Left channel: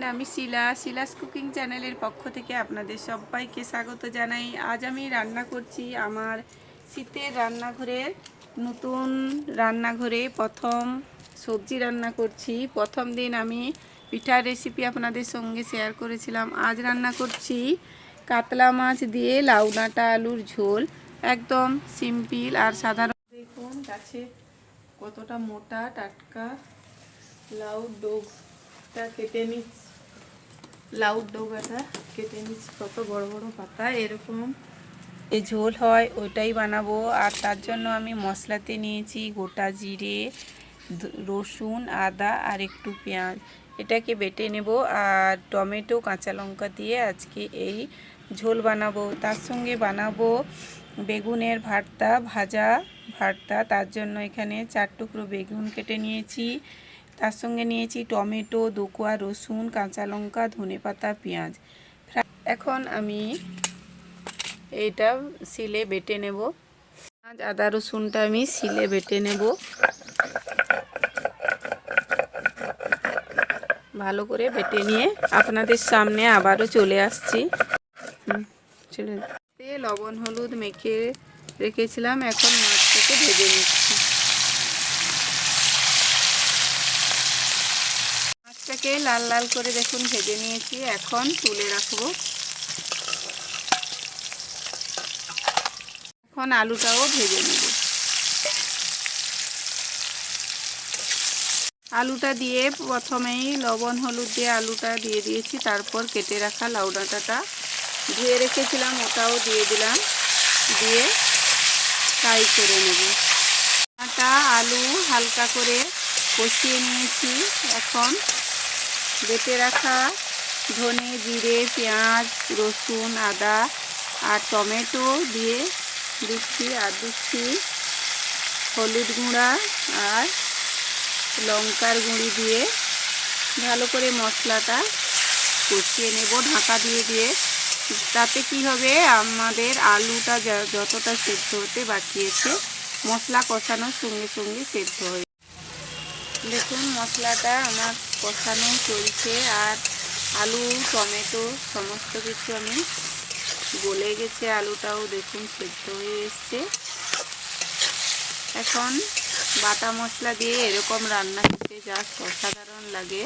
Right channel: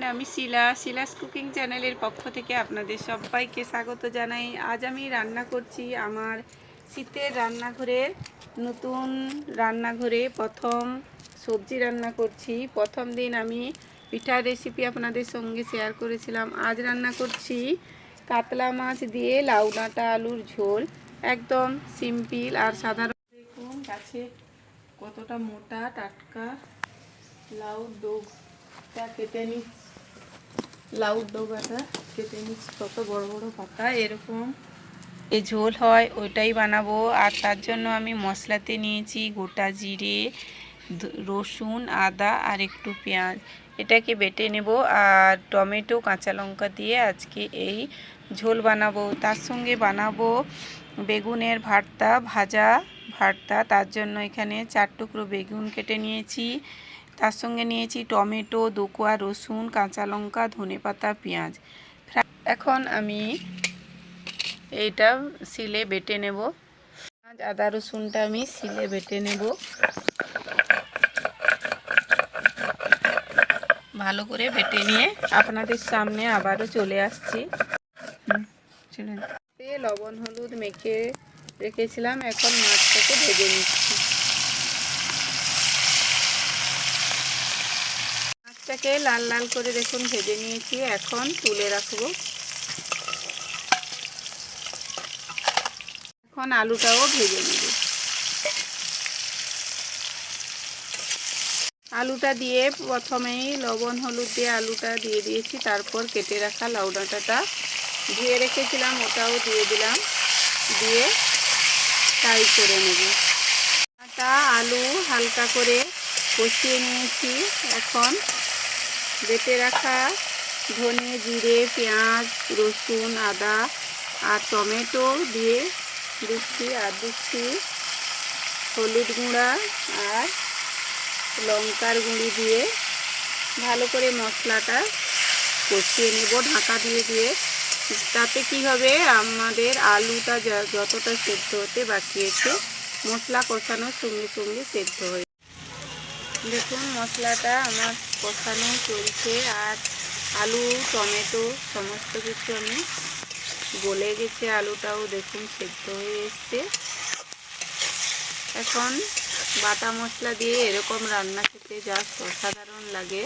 Friend আমি শিলা। Shila's cooking চ্যানেলের পক্ষ থেকে আপনাদের সবাইকে স্বাগত জানাই। আজ আমি রান্না করছি আমার শীতের রান্নাঘরের নতুন রান্নাঘরে প্রথম সবজি রান্না করছি। প্রথম দিন আমি পিঠার রেসিপি আপনাদের সঙ্গে শেয়ার করেছিলাম। আজ রান্না করছি কাতলা মাছ দিয়ে লাউ ডাঁটা, আলুর ঝোল। একদম সিম্পল আর সাধারণ। দেখুন, গাছে কতটা মোটা টাটকা লাউ ডোগটা কেটে নিচ্ছি। লাউ ডোগাটা কেটে নিচ্ছি, কত বড় বড় পাতা, এরকম। এ ঝোল হয়, ওইটাই বানাবো। আর তার জন্য আমি মশলাতে নিয়েছি গোটা জিরে রসুন, আদা আর একটু পেঁয়াজ। এটাকে বেটে নেব আর টমেটো, কাঁচা লঙ্কা দিয়ে আজকে এই ঝোল বানাবো। তার সঙ্গে বানাবো বেগুনের ভর্তা, ভাজা ভর্তা। তার জন্য এখানে চার টুকরো বেগুন কেটে নিয়েছি। তার সঙ্গে নিয়েছি টমেটো, দোকুয়া, রসুন, কাঁচা লঙ্কা, ধনেপাতা, পেঁয়াজ। এখন আমি এইটা শিলে বেটে নেব। পেঁয়াজ, আদা, রসুনটা আমি শিলে বেটে নেব। ভালো করে বেটে নিয়ে আপনাদের সামনে আবারও চলে আসছি। লবণ, হলুদ মেখে রেখেছিলাম, এখন মাছটাকে ভেজে নিচ্ছি। মাছটাকে লাল লাল করে দেখুন, ভেজে নিয়েছি। এখন তুলে রাখব। এখন আলুটাও ভেজে নেব। আলুটা দিয়ে প্রথমেই লবণ, হলুদ দিয়ে আলুটা দিয়ে দিয়েছি। তারপর কেটে রাখা লাউ ডাঁটাটা। ধুয়ে রেখেছিলাম, ওটাও দিয়ে দিলাম। দিয়ে ফ্রাই করে নেব। আটা আলু হালকা করে কষিয়ে নিয়েছি। এখন বেটে রাখা ধনে, জিরে, পেঁয়াজ, রসুন, আদা আর টমেটো দিয়ে দিচ্ছি, আর দিচ্ছি হলুদ গুঁড়া আর লঙ্কার গুঁড়ি দিয়ে ভালো করে মশলাটা কষিয়ে নেব, ঢাকা দিয়ে দিয়ে। তাতে কি হবে? আমাদের আলুটা যতটা সেদ্ধ হতে বাকি আছে, মশলা কষানোর সঙ্গে সঙ্গে সেদ্ধ হয়ে দেখুন মশলাটা আমার কষানো চলছে আর আলু, টমেটো, সমস্ত কিছু আমি গলে গেছে। আলুটাও দেখুন সেদ্ধ হয়ে এসছে। এখন বাটা মশলা দিয়ে এরকম রান্না খেতে জাস্ট অসাধারণ লাগে।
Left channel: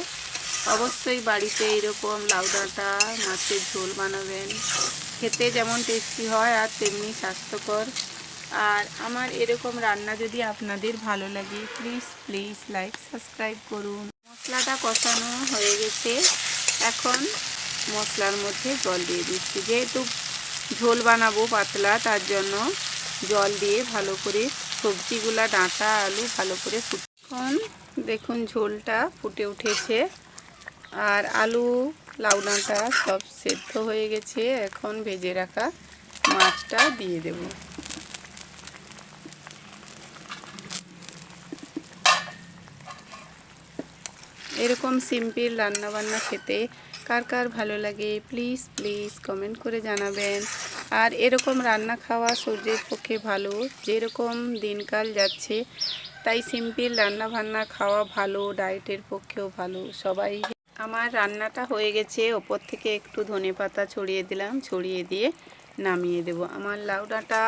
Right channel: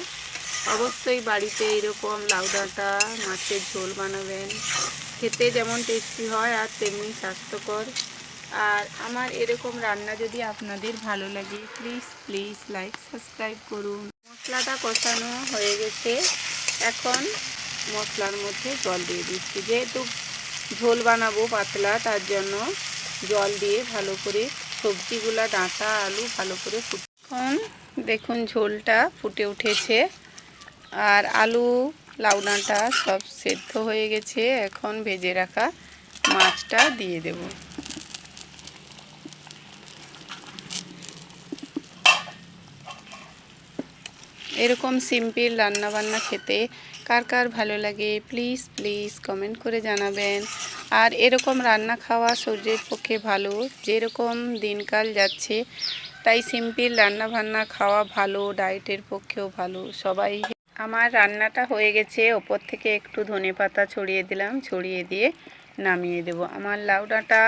অবশ্যই বাড়িতে এরকম লাউ ডাঁটা, মাছের ঝোল বানাবেন। খেতে যেমন টেস্টি হয় আর তেমনি স্বাস্থ্যকর। আর আমার এরকম রান্না যদি আপনাদের ভালো লাগে প্লিজ প্লিজ লাইক সাবস্ক্রাইব করুন। মশলাটা কষানো হয়ে গেছে। এখন মশলার মধ্যে জল দিয়ে দিচ্ছি। যেহেতু ঝোল বানাবো পাতলা, তার জন্য জল দিয়ে ভালো করে সবজিগুলা, ডাঁটা, আলু ভালো করে এখন দেখুন ঝোলটা ফুটে উঠেছে। আর আলু লাউ ডাঁটা সব সেদ্ধ হয়ে গেছে। এখন ভেজে রাখা মাছটা দিয়ে দেব। এরকম সিম্পল রান্নাবান্না খেতে কার কার ভালো লাগে প্লিজ প্লিজ কমেন্ট করে জানাবেন। আর এরকম রান্না খাওয়া শরীরের পক্ষে ভালো, যেরকম দিনকাল যাচ্ছে, তাই সিম্পল রান্না বান্না খাওয়া ভালো, ডায়েটের পক্ষেও ভালো, সবাই আমার রান্নাটা হয়ে গেছে, ওপর থেকে একটু ধনে পাতা ছড়িয়ে দিলাম, ছড়িয়ে দিয়ে নামিয়ে দেব। আমার লাউ ডাঁটা,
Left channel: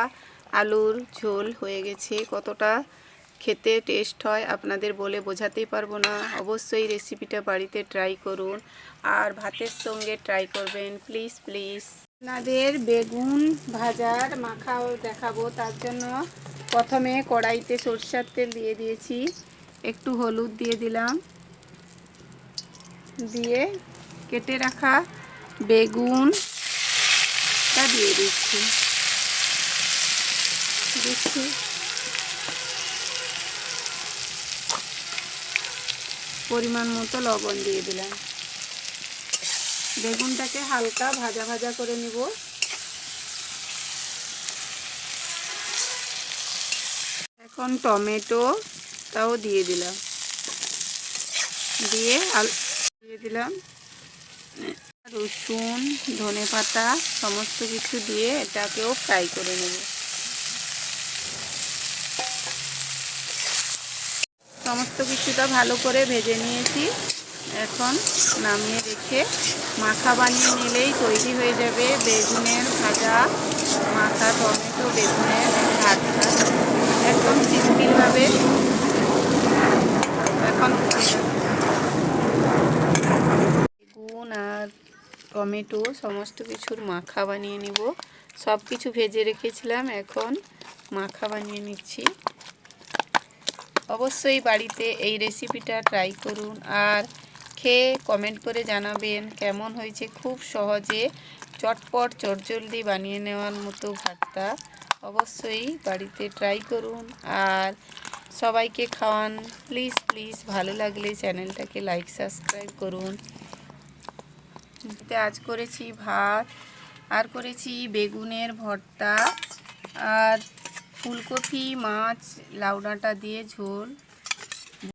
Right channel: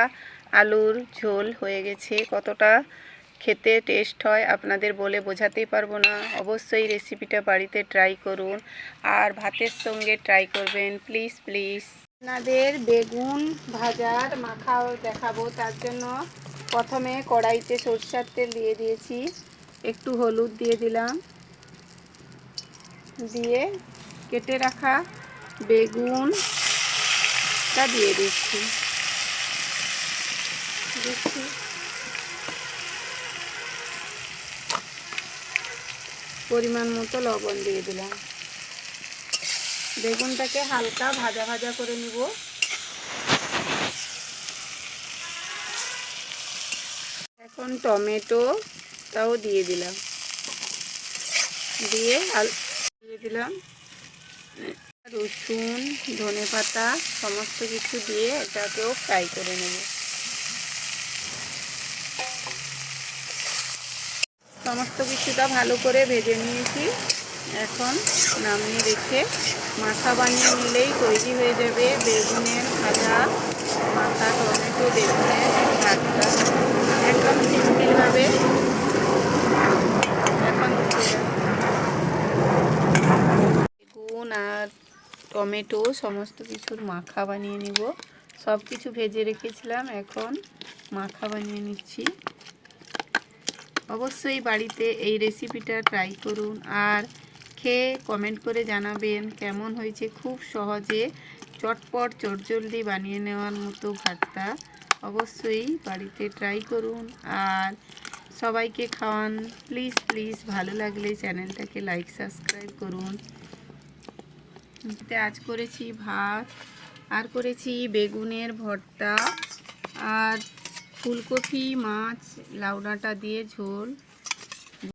আলুর ঝোল হয়ে গেছে, কতটা খেতে টেস্ট হয়, আপনাদের বলে বোঝাতেই পারব না। অবশ্যই রেসিপিটা বাড়িতে ট্রাই করুন আর ভাতের সঙ্গে ট্রাই করবেন। প্লিজ প্লিজ আপনাদের বেগুন ভাজার মাখাও দেখাবো, তার জন্য প্রথমে কড়াইতে সরষার তেল দিয়ে দিয়েছি। একটু হলুদ দিয়ে দিলাম। দিয়ে কেটে রাখা বেগুনটা দিয়ে দিচ্ছি। দিচ্ছি। পরিমাণ মতো লবণ দিয়ে দিলাম। বেগুনটাকে হালকা ভাজা ভাজা করে নিব। এখন টমেটোটাও দিয়ে দিলাম। দিয়ে দিয়ে দিলাম। রসুন ধনে পাতা সমস্ত কিছু দিয়ে এটাকেও ফ্রাই করে নেব। সমস্ত কিছুটা ভালো করে ভেজে নিয়েছি। এখন নামিয়ে রেখে মাখা বানিয়ে নিলেই তৈরি হয়ে যাবে বেগুনের ভাজা, মাখা টমেটো, বেগুনের ভাতটা একদম সিম্পলভাবে এখন বেগুন আর টমেটো সমস্ত কিছুর মাখা বানিয়ে নিব। সব কিছু ভেজে রেখেছিলাম, এখন মাখা বানিয়ে নিচ্ছি। অবশ্যই বাড়িতে এই রেসিপিটা ট্রাই করুন আর খেয়ে কমেন্ট করে জানাবেন কেমন হয়েছে। খুব সহজে চটপট, চটজলদি বানিয়ে নেওয়ার মতো ভাতটা অবশ্যই বাড়িতে ট্রাই করুন আর সবাইকে খাওয়ান। প্লিজ প্লিজ ভালো লাগলে চ্যানেলটাকে লাইক সাবস্ক্রাইব করুন। আজ করেছি ভাত, আর করেছি বেগুনের ভর্তা, আর ফুলকপি মাছ লাউ ডাঁটা দিয়ে ঝোল।